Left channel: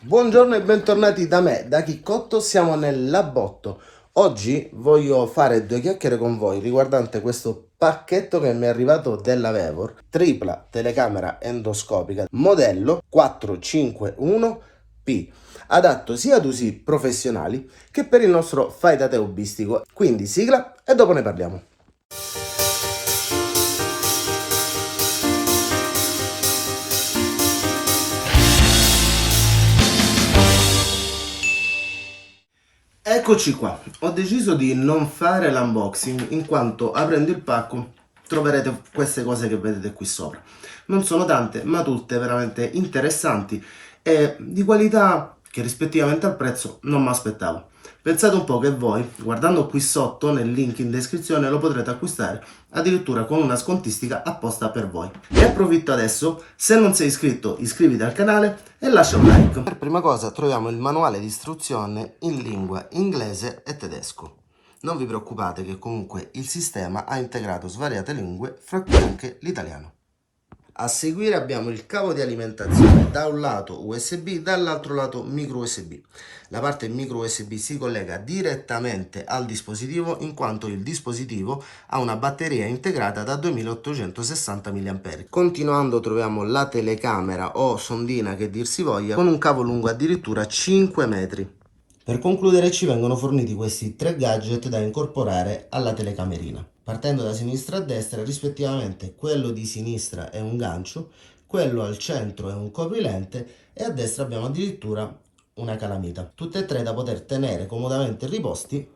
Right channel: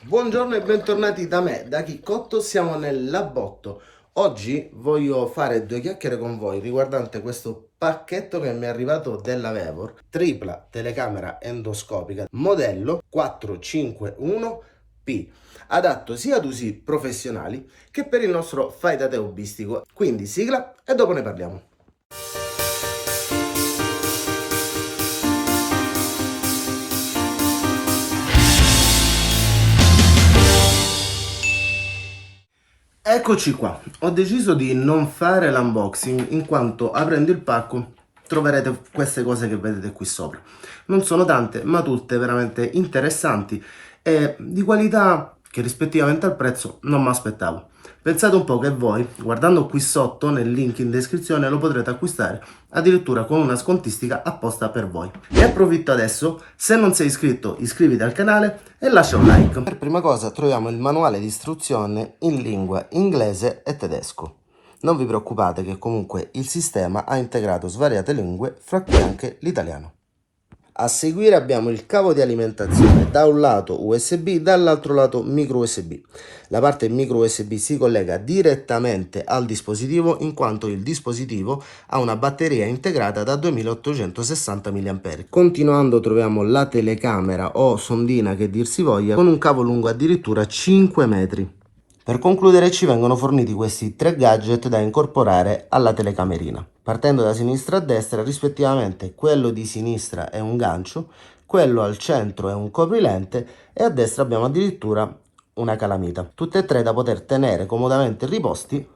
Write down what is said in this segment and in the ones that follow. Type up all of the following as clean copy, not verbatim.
Buongiorno e bentornati da me, da Chiccotto, siamo nel Labotto. Oggi voglio fare due chiacchiere con voi riguardante questo pacchetto che mi è arrivato della Vevor, tripla telecamera endoscopica, modello 451P, adatto sia ad usi professionali che per il nostro fai da te hobbistico. Quindi sigla e dopo ne parliamo. Eccoci qua, ho deciso di non fare l'unboxing in quanto aprendo il pacco troverete queste cose che vedete qui sopra. Non sono tante, ma tutte veramente interessanti e di qualità che rispettivamente al prezzo non mi aspettavo. Pensate un po' che voi, guardando qui sotto nel link in descrizione, lo potrete acquistare addirittura con una scontistica apposta per voi. Ne approfitto adesso, se non sei iscritto iscriviti al canale e lascia un like. Per prima cosa troviamo il manuale di istruzione in lingua inglese e tedesco. Non vi preoccupate che comunque il sistema ha integrato svariate lingue, fra cui anche l'italiano. A seguire abbiamo il cavo di alimentazione, da un lato USB, dall'altro lato micro USB. La parte micro USB si collega direttamente al dispositivo in quanto il dispositivo ha una batteria integrata da 2860 mAh. Continuando troviamo la telecamera o sondina che dir si voglia con un cavo lungo addirittura 5 metri. Per concludere ci vengono forniti questi tre gadget da incorporare alla telecamerina. Partendo da sinistra a destra, rispettivamente quello di sinistra è un gancio, quello al centro è un coprilente e a destra abbiamo addirittura una calamita. Tutte e tre da poter tenere comodamente riposti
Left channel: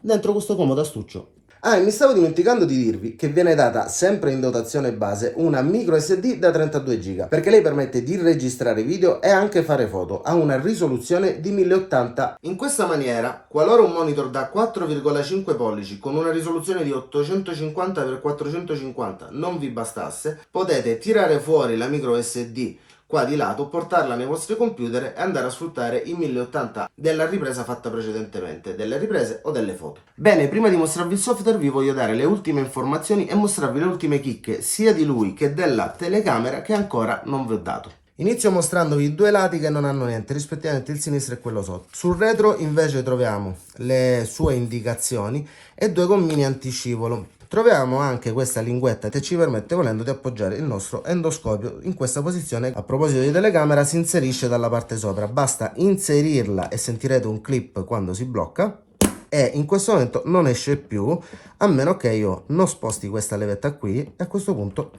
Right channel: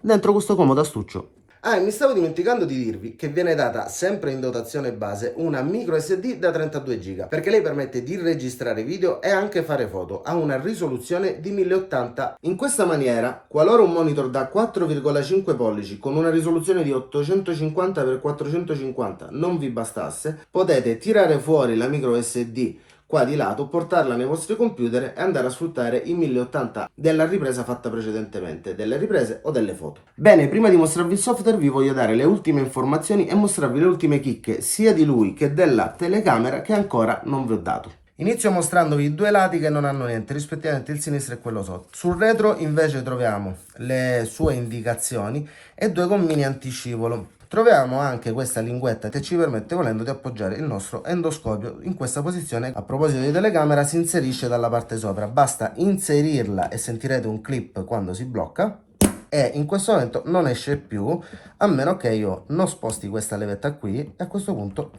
dentro questo comodo astuccio. Ah, e mi stavo dimenticando di dirvi che viene data sempre in dotazione base una micro SD da 32 GB perché lei permette di registrare video e anche fare foto a una risoluzione di 1080. In questa maniera, qualora un monitor da 4,5 pollici con una risoluzione di 850x450 non vi bastasse, potete tirare fuori la micro SD qua di lato, portarla nei vostri computer e andare a sfruttare i 1080 della ripresa fatta precedentemente, delle riprese o delle foto. Bene, prima di mostrarvi il software vi voglio dare le ultime informazioni e mostrarvi le ultime chicche sia di lui che della telecamera che ancora non vi ho dato. Inizio mostrandovi i due lati che non hanno niente, rispettivamente il sinistro e quello sotto. Sul retro invece troviamo le sue indicazioni e due gommini antiscivolo. Troviamo anche questa linguetta che ci permette volendo di appoggiare il nostro endoscopio in questa posizione. A proposito di telecamera si inserisce dalla parte sopra, basta inserirla e sentirete un clip quando si blocca e in questo momento non esce più a meno che io non sposti questa levetta qui e a questo punto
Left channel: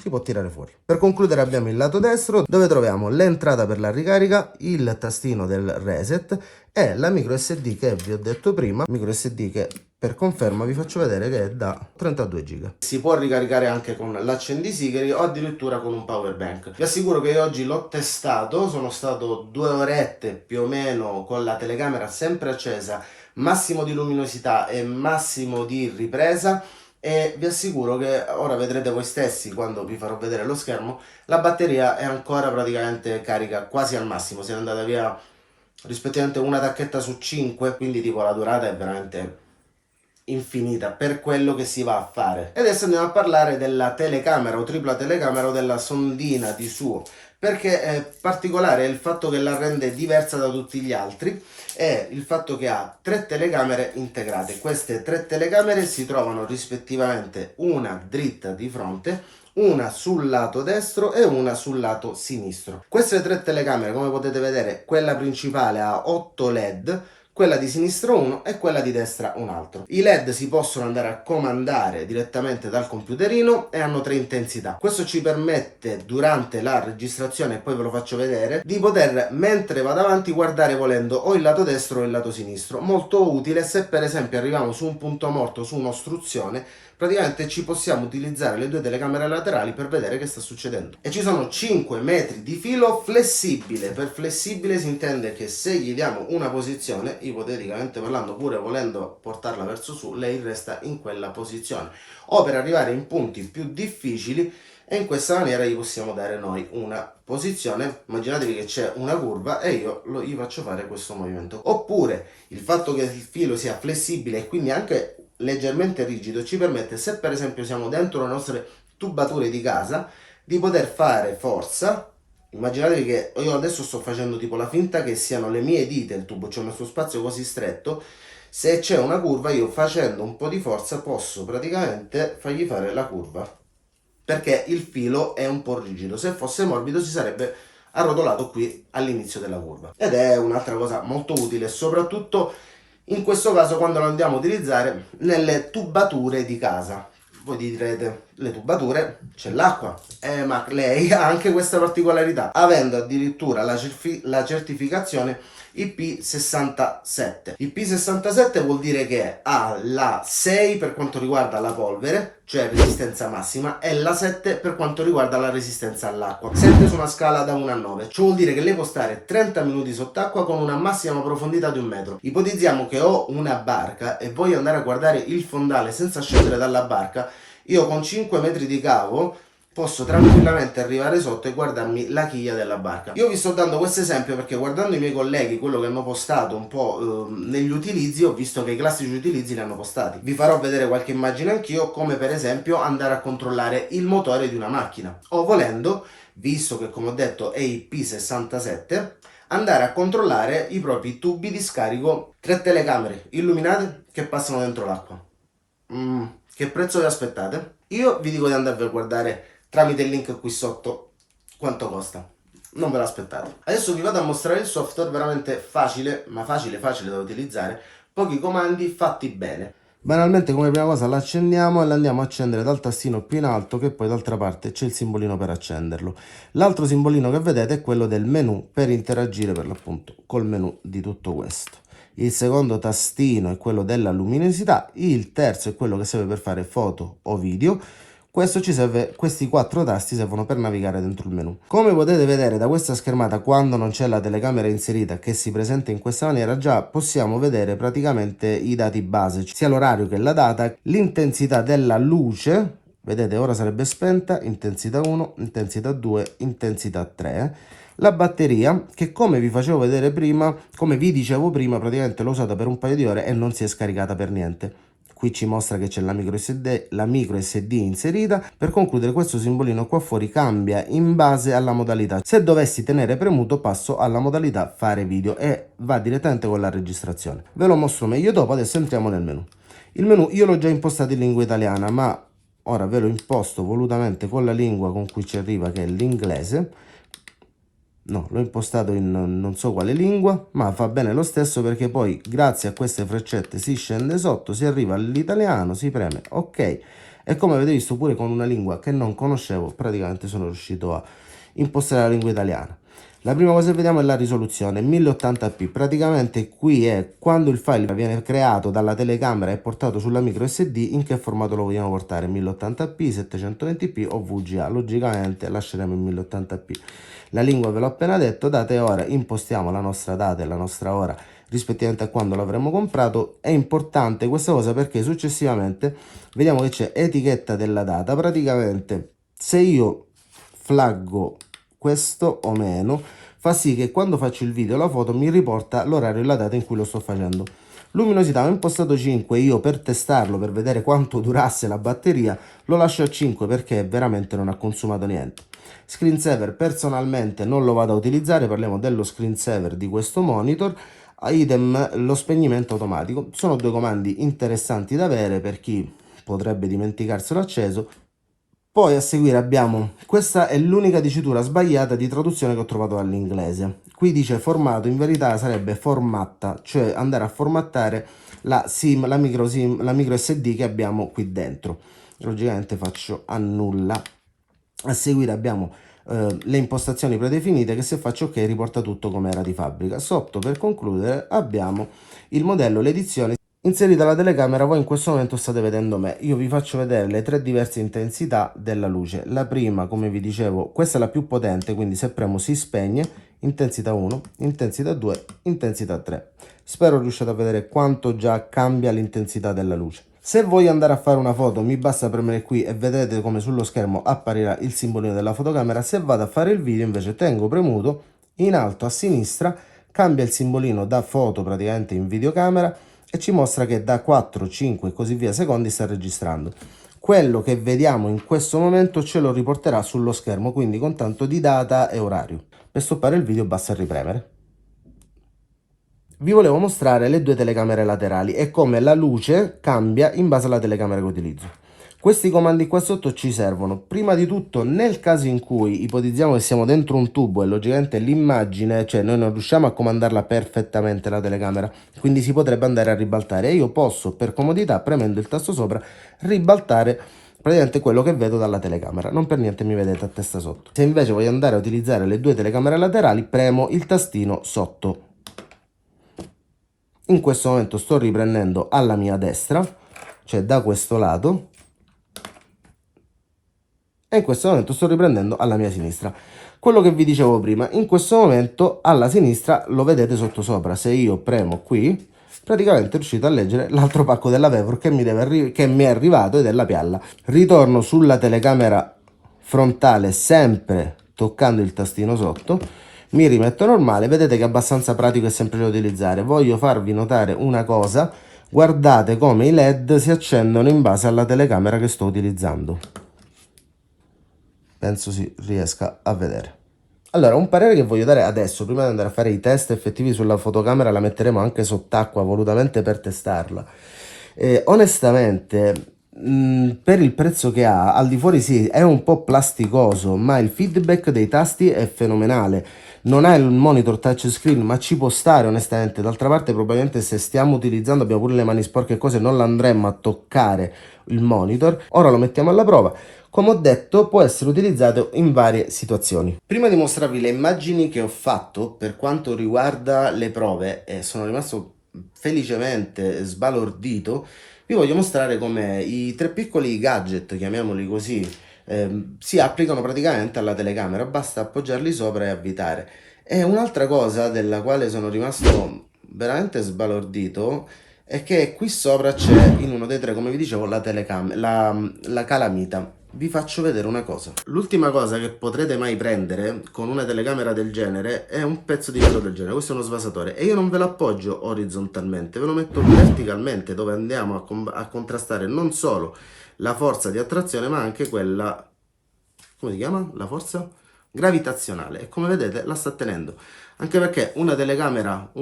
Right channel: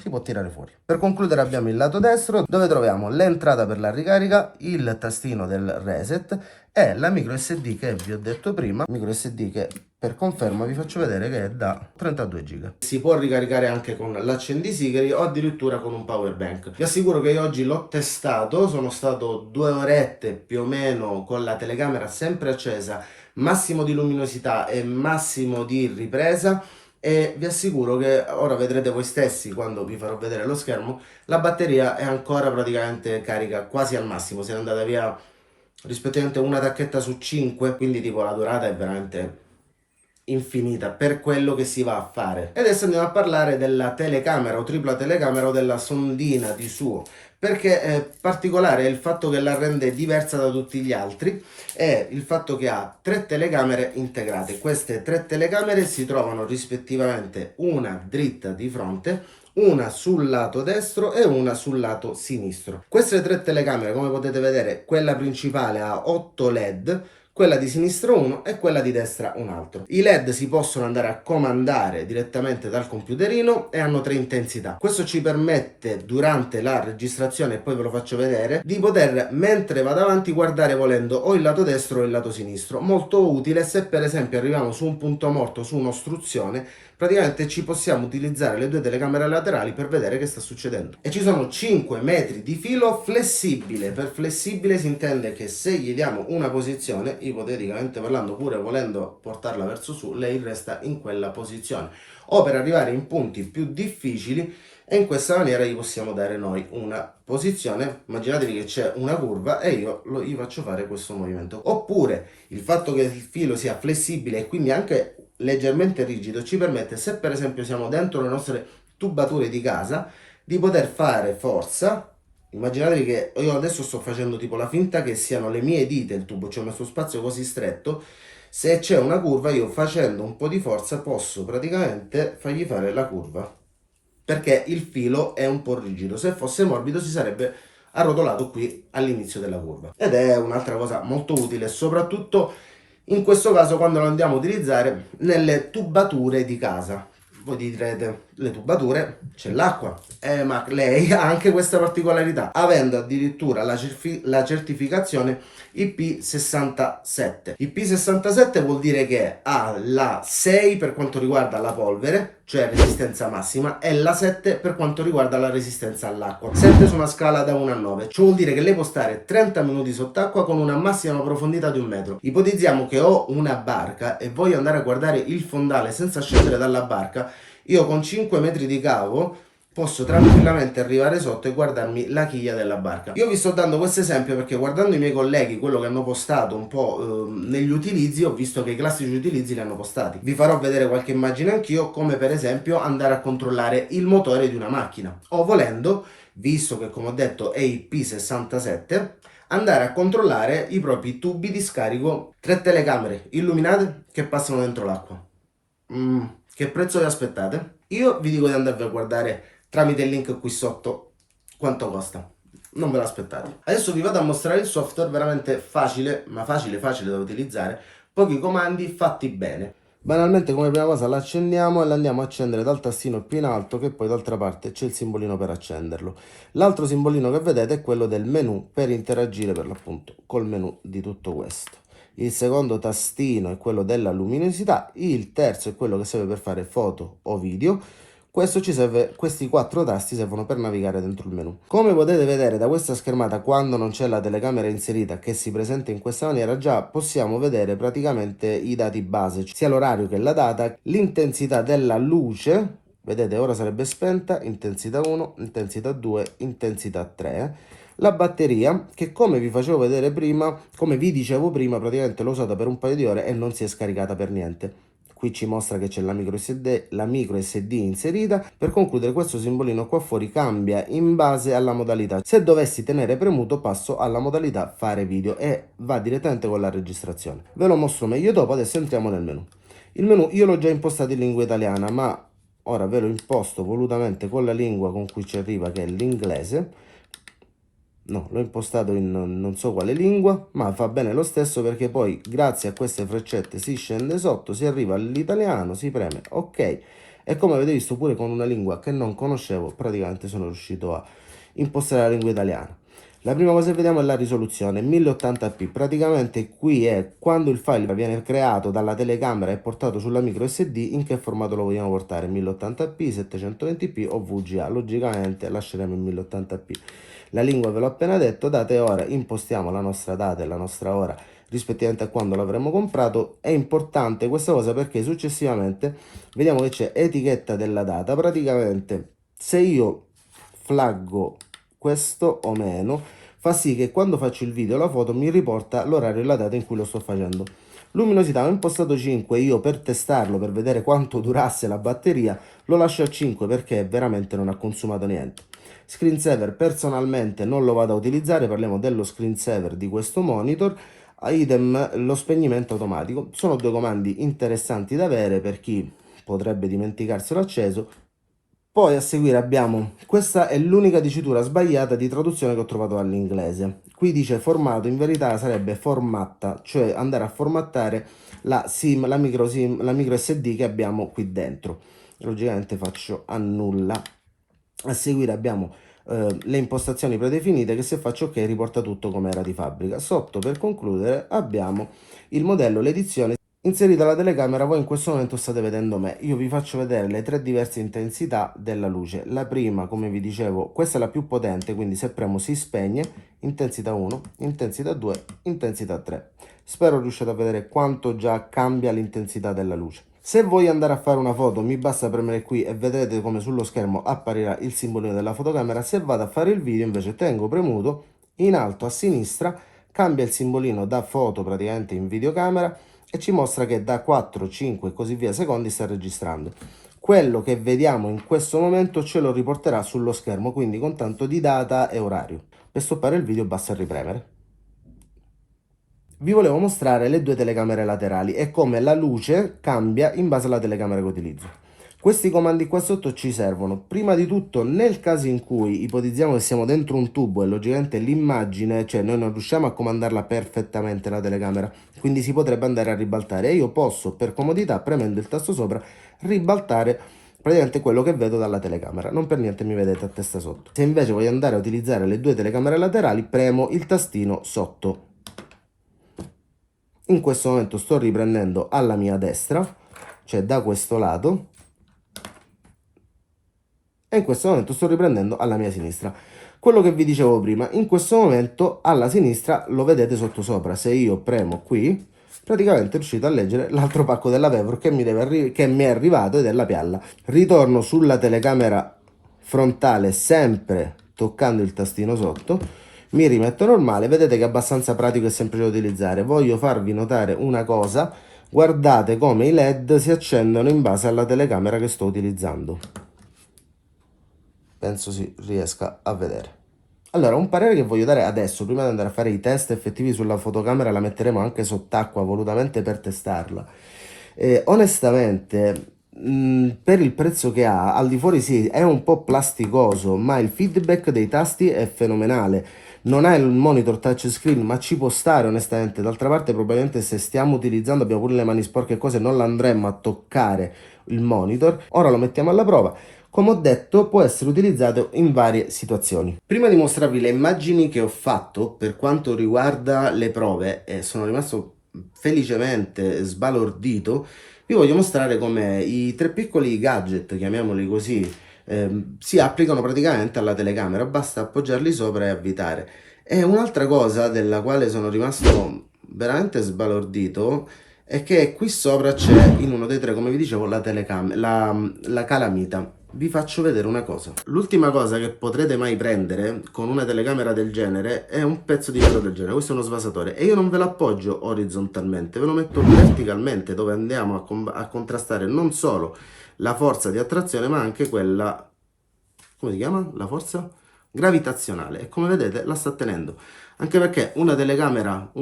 si può tirare fuori. Per concludere abbiamo il lato destro dove troviamo l'entrata per la ricarica, il tastino del reset e la micro SD che vi ho detto prima, micro SD che per conferma vi faccio vedere che è da 32 GB. Si può ricaricare anche con l'accendisigari o addirittura con un power bank. Vi assicuro che io oggi l'ho testato, sono stato 2 orette più o meno con la telecamera sempre accesa, massimo di luminosità e massimo di ripresa. E vi assicuro che ora vedrete voi stessi quando vi farò vedere lo schermo, la batteria è ancora praticamente carica quasi al massimo, siete andata via rispettivamente una tacchetta su 5, quindi tipo la durata è veramente infinita per quello che si va a fare. E adesso andiamo a parlare della telecamera o tripla telecamera o della sondina di suo, perché è particolare il fatto che la rende diversa da tutti gli altri è il fatto che ha tre telecamere integrate. Queste tre telecamere si trovano rispettivamente una dritta di fronte, una sul lato destro e una sul lato sinistro. Queste tre telecamere, come potete vedere, quella principale ha 8 LED, quella di sinistra 1 e quella di destra un altro. I LED si possono andare a comandare direttamente dal computerino e hanno 3 intensità. Questo ci permette durante la registrazione, e poi ve lo faccio vedere, di poter mentre vado avanti guardare volendo o il lato destro o il lato sinistro. Molto utile se per esempio arriviamo su un punto morto, su un'ostruzione, praticamente ci possiamo utilizzare le due telecamere laterali per vedere che sta succedendo. E ci sono 5 metri di filo flessibile. Per flessibile si intende che se gli diamo una posizione, ipoteticamente parlando, pure volendo portarla verso su, lei resta in quella posizione. O per arrivare in punti più difficili, e in questa maniera gli possiamo dare noi una posizione. Immaginatevi che c'è una curva e io gli faccio fare questo movimento. Oppure il fatto che il filo sia flessibile e quindi anche leggermente rigido ci permette, se per esempio siamo dentro le nostre tubature di casa, di poter fare forza Immaginatevi che io adesso sto facendo tipo la finta che siano le mie dita il tubo, c'è uno spazio così stretto. Se c'è una curva, io facendo un po' di forza posso praticamente fargli fare la curva, perché il filo è un po' rigido. Se fosse morbido si sarebbe arrotolato qui all'inizio della curva. Ed è un'altra cosa molto utile, soprattutto in questo caso quando lo andiamo a utilizzare nelle tubature di casa. Voi direte, le tubature c'è l'acqua, ma lei ha anche questa particolarità, avendo addirittura la certificazione IP67. IP67 vuol dire che ha la 6 per quanto riguarda la polvere, cioè resistenza massima, e la 7 per quanto riguarda la resistenza all'acqua, sempre su una scala da 1 a 9. Ciò vuol dire che lei può stare 30 minuti sott'acqua con una massima profondità di 1 metro. Ipotizziamo che ho una barca e voglio andare a guardare il fondale senza scendere dalla barca. Io con 5 metri di cavo posso tranquillamente arrivare sotto e guardarmi la chiglia della barca. Io vi sto dando questo esempio perché guardando i miei colleghi, quello che hanno postato un po' negli utilizzi, ho visto che i classici utilizzi li hanno postati. Vi farò vedere qualche immagine anch'io, come per esempio andare a controllare il motore di una macchina, o volendo, visto che come ho detto è IP67, andare a controllare i propri tubi di scarico, 3 telecamere illuminate che passano dentro l'acqua. Che prezzo vi aspettate? Io vi dico di andarvi a guardare tramite il link qui sotto quanto costa. Non ve l'aspettate. Adesso vi vado a mostrare il software, veramente facile, ma facile da utilizzare. Pochi comandi fatti bene. Banalmente come prima cosa l'accendiamo e l'andiamo a accendere dal tastino più in alto, che poi d'altra parte c'è il simbolino per accenderlo. L'altro simbolino che vedete è quello del menu, per interagire per l'appunto col menu di tutto questo. Il secondo tastino è quello della luminosità, il terzo è quello che serve per fare foto o video. Questi 4 tasti servono per navigare dentro il menu. Come potete vedere da questa schermata, quando non c'è la telecamera inserita che si presenta in questa maniera, già possiamo vedere praticamente i dati base, sia l'orario che la data, l'intensità della luce. Vedete, ora sarebbe spenta, intensità 1, intensità 2, intensità 3. La batteria, che come vi facevo vedere prima, come vi dicevo prima, praticamente l'ho usata per un paio di ore e non si è scaricata per niente. Qui ci mostra che c'è la micro SD inserita. Per concludere, questo simbolino qua fuori cambia in base alla modalità. Se dovessi tenere premuto passo alla modalità fare video e va direttamente con la registrazione. Ve lo mostro meglio dopo, adesso entriamo nel menu. Il menu io l'ho già impostato in lingua italiana, ma ora ve lo imposto volutamente con la lingua con cui ci arriva, che è l'inglese. No, l'ho impostato in non so quale lingua, ma fa bene lo stesso, perché poi grazie a queste freccette si scende sotto, si arriva all'italiano, si preme ok, e come avete visto pure con una lingua che non conoscevo praticamente sono riuscito a impostare la lingua italiana. La prima cosa che vediamo è la risoluzione 1080p, praticamente qui è quando il file viene creato dalla telecamera e portato sulla micro SD, in che formato lo vogliamo portare, 1080p, 720p o VGA. Logicamente lasceremo il 1080p. La lingua ve l'ho appena detto, data e ora, impostiamo la nostra data e la nostra ora rispettivamente a quando l'avremo comprato. È importante questa cosa perché successivamente vediamo che c'è etichetta della data. Praticamente se io flaggo questo o meno, fa sì che quando faccio il video o la foto mi riporta l'orario e la data in cui lo sto facendo. Luminosità ho impostato 5, io per testarlo, per vedere quanto durasse la batteria, lo lascio a 5 perché veramente non ha consumato niente. Screensaver personalmente non lo vado a utilizzare, parliamo dello screensaver di questo monitor. Idem lo spegnimento automatico. Sono 2 comandi interessanti da avere per chi potrebbe dimenticarselo acceso. Poi a seguire abbiamo, questa è l'unica dicitura sbagliata di traduzione che ho trovato all'inglese. Qui dice formato, in verità sarebbe formatta, cioè andare a formattare la micro SD che abbiamo qui dentro. Logicamente faccio annulla. A seguire abbiamo le impostazioni predefinite che se faccio ok riporta tutto come era di fabbrica. Sotto, per concludere, abbiamo il modello, l'edizione inserita la telecamera. Voi in questo momento state vedendo me, io vi faccio vedere le 3 diverse intensità della luce. La prima, come vi dicevo, questa è la più potente, quindi se premo si spegne, intensità 1, intensità 2, intensità 3. Spero riusciate a vedere quanto già cambia l'intensità della luce. Se voglio andare a fare una foto mi basta premere qui e vedete come sullo schermo apparirà il simbolino della fotocamera. Se vado a fare il video invece tengo premuto, in alto a sinistra cambia il simbolino da foto praticamente in videocamera e ci mostra che da 4, 5 e così via secondi sta registrando. quello che vediamo in questo momento ce lo riporterà sullo schermo, quindi con tanto di data e orario. Per stoppare il video basta ripremere. Vi volevo mostrare le due telecamere laterali e come la luce cambia in base alla telecamera che utilizzo. Questi comandi qua sotto ci servono prima di tutto nel caso in cui ipotizziamo che siamo dentro un tubo e logicamente l'immagine, cioè noi non riusciamo a comandarla perfettamente la telecamera, quindi si potrebbe andare a ribaltare e io posso per comodità premendo il tasto sopra ribaltare praticamente quello che vedo dalla telecamera, non per niente mi vedete a testa sotto. Se invece voglio andare a utilizzare le due telecamere laterali premo il tastino sotto. In questo momento sto riprendendo alla mia destra, cioè da questo lato, e in questo momento sto riprendendo alla mia sinistra. Quello che vi dicevo prima, in questo momento alla sinistra lo vedete sotto sopra. Se io premo qui, praticamente riuscite a leggere l'altro pacco della Vevor che mi è arrivato ed è la pialla. Ritorno sulla telecamera frontale sempre toccando il tastino sotto, mi rimetto normale, vedete che è abbastanza pratico e semplice da utilizzare. Voglio farvi notare una cosa, guardate come i LED si accendono in base alla telecamera che sto utilizzando. Penso si riesca a vedere. Allora, un parere che voglio dare adesso, prima di andare a fare i test effettivi sulla fotocamera, la metteremo anche sott'acqua volutamente per testarla. Onestamente, per il prezzo che ha, al di fuori sì, è un po' plasticoso, ma il feedback dei tasti è fenomenale. Non è il monitor touchscreen, ma ci può stare onestamente. D'altra parte, probabilmente se stiamo utilizzando, abbiamo pure le mani sporche e cose, non l'andremmo a toccare il monitor. Ora lo mettiamo alla prova. Come ho detto, può essere utilizzato in varie situazioni. Prima di mostrarvi le immagini che ho fatto per quanto riguarda le prove, e sono rimasto felicemente sbalordito, vi voglio mostrare come i tre piccoli gadget, chiamiamoli così, si applicano praticamente alla telecamera, basta appoggiarli sopra e avvitare. E un'altra cosa della quale sono rimasto veramente sbalordito è che qui sopra c'è, in uno dei tre, come vi dicevo, la calamita. Vi faccio vedere una cosa. L'ultima cosa che potrete mai prendere con una telecamera del genere è un pezzo di vetro del genere. Questo è uno svasatore e io non ve lo appoggio orizzontalmente, ve lo metto verticalmente, dove andiamo a contrastare non solo la forza di attrazione ma anche quella, come si chiama? La forza gravitazionale, e come vedete la sta tenendo. Anche perché una telecamera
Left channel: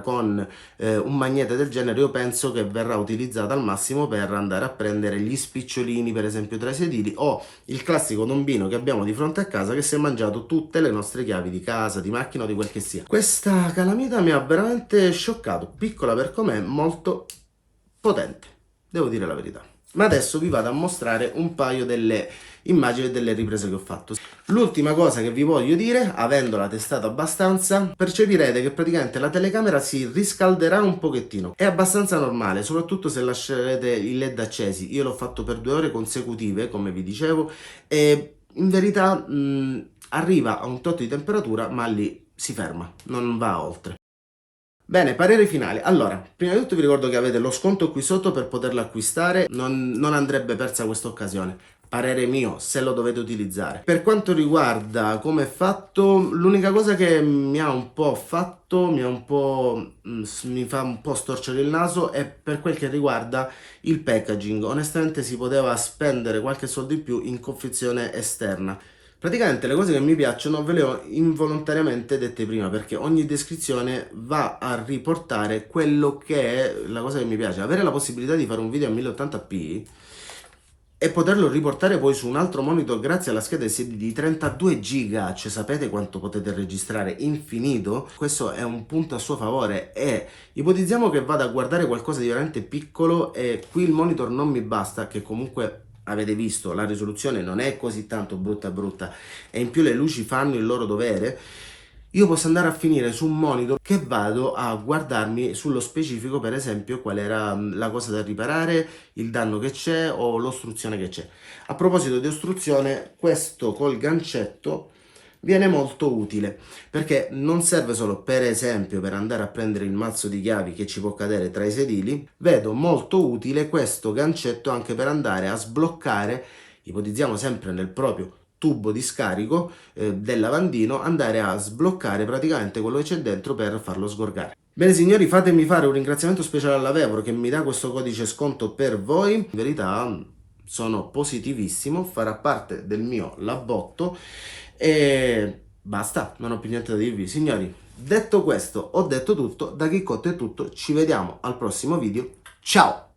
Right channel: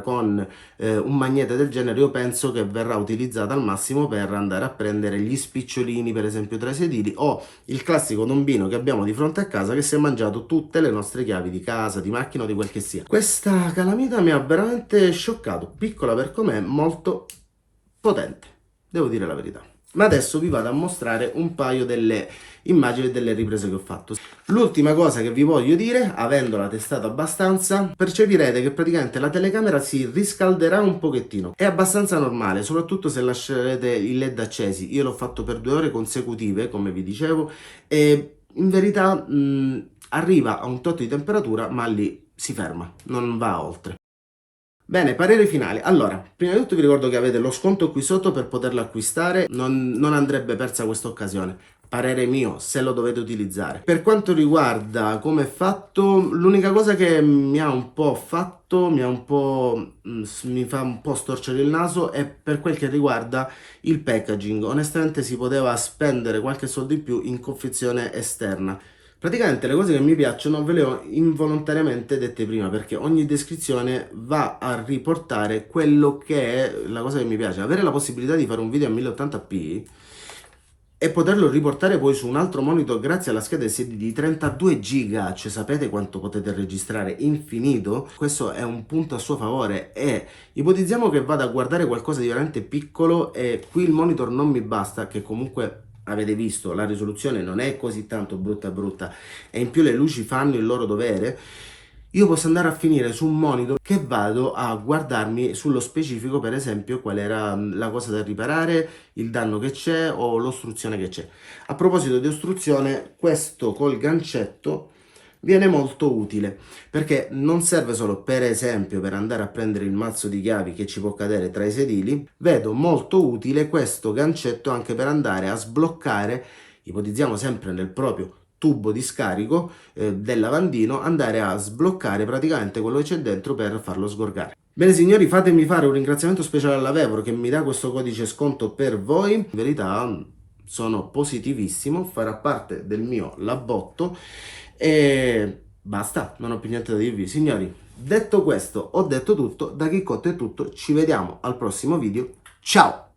con un magnete del genere io penso che verrà utilizzata al massimo per andare a prendere gli spicciolini, per esempio tra i sedili, o il classico tombino che abbiamo di fronte a casa che si è mangiato tutte le nostre chiavi di casa, di macchina o di quel che sia. Questa calamita mi ha veramente scioccato, piccola per com'è, molto potente, devo dire la verità. Ma adesso vi vado a mostrare un paio delle immagini e delle riprese che ho fatto. L'ultima cosa che vi voglio dire, avendola testata abbastanza, percepirete che praticamente la telecamera si riscalderà un pochettino. È abbastanza normale, soprattutto se lascerete i LED accesi. Io l'ho fatto per 2 ore consecutive, come vi dicevo, e in verità arriva a un tot di temperatura, ma lì si ferma, non va oltre. Bene, parere finale. Allora, prima di tutto vi ricordo che avete lo sconto qui sotto per poterlo acquistare, non andrebbe persa questa occasione. Parere mio, se lo dovete utilizzare. Per quanto riguarda come è fatto, l'unica cosa che mi fa un po' storcere il naso è per quel che riguarda il packaging. Onestamente si poteva spendere qualche soldo in più in confezione esterna. Praticamente le cose che mi piacciono ve le ho involontariamente dette prima, perché ogni descrizione va a riportare quello che è la cosa che mi piace. Avere la possibilità di fare un video a 1080p e poterlo riportare poi su un altro monitor grazie alla scheda SD di 32 giga, cioè sapete quanto potete registrare? Infinito. Questo è un punto a suo favore, e ipotizziamo che vada a guardare qualcosa di veramente piccolo e qui il monitor non mi basta, che comunque avete visto la risoluzione non è così tanto brutta e in più le luci fanno il loro dovere. Io posso andare a finire su un monitor che vado a guardarmi sullo specifico, per esempio qual era la cosa da riparare, il danno che c'è o l'ostruzione che c'è. A proposito di ostruzione, questo col gancetto viene molto utile, perché non serve solo per esempio per andare a prendere il mazzo di chiavi che ci può cadere tra i sedili. Vedo molto utile questo gancetto anche per andare a sbloccare, ipotizziamo sempre nel proprio tubo di scarico del lavandino, andare a sbloccare praticamente quello che c'è dentro per farlo sgorgare. Bene signori, fatemi fare un ringraziamento speciale alla Vevor che mi dà questo codice sconto per voi. In verità sono positivissimo, farà parte del mio labbotto e basta, non ho più niente da dirvi. Signori, detto questo, ho detto tutto, da Chicotto è tutto, ci vediamo al prossimo video, ciao!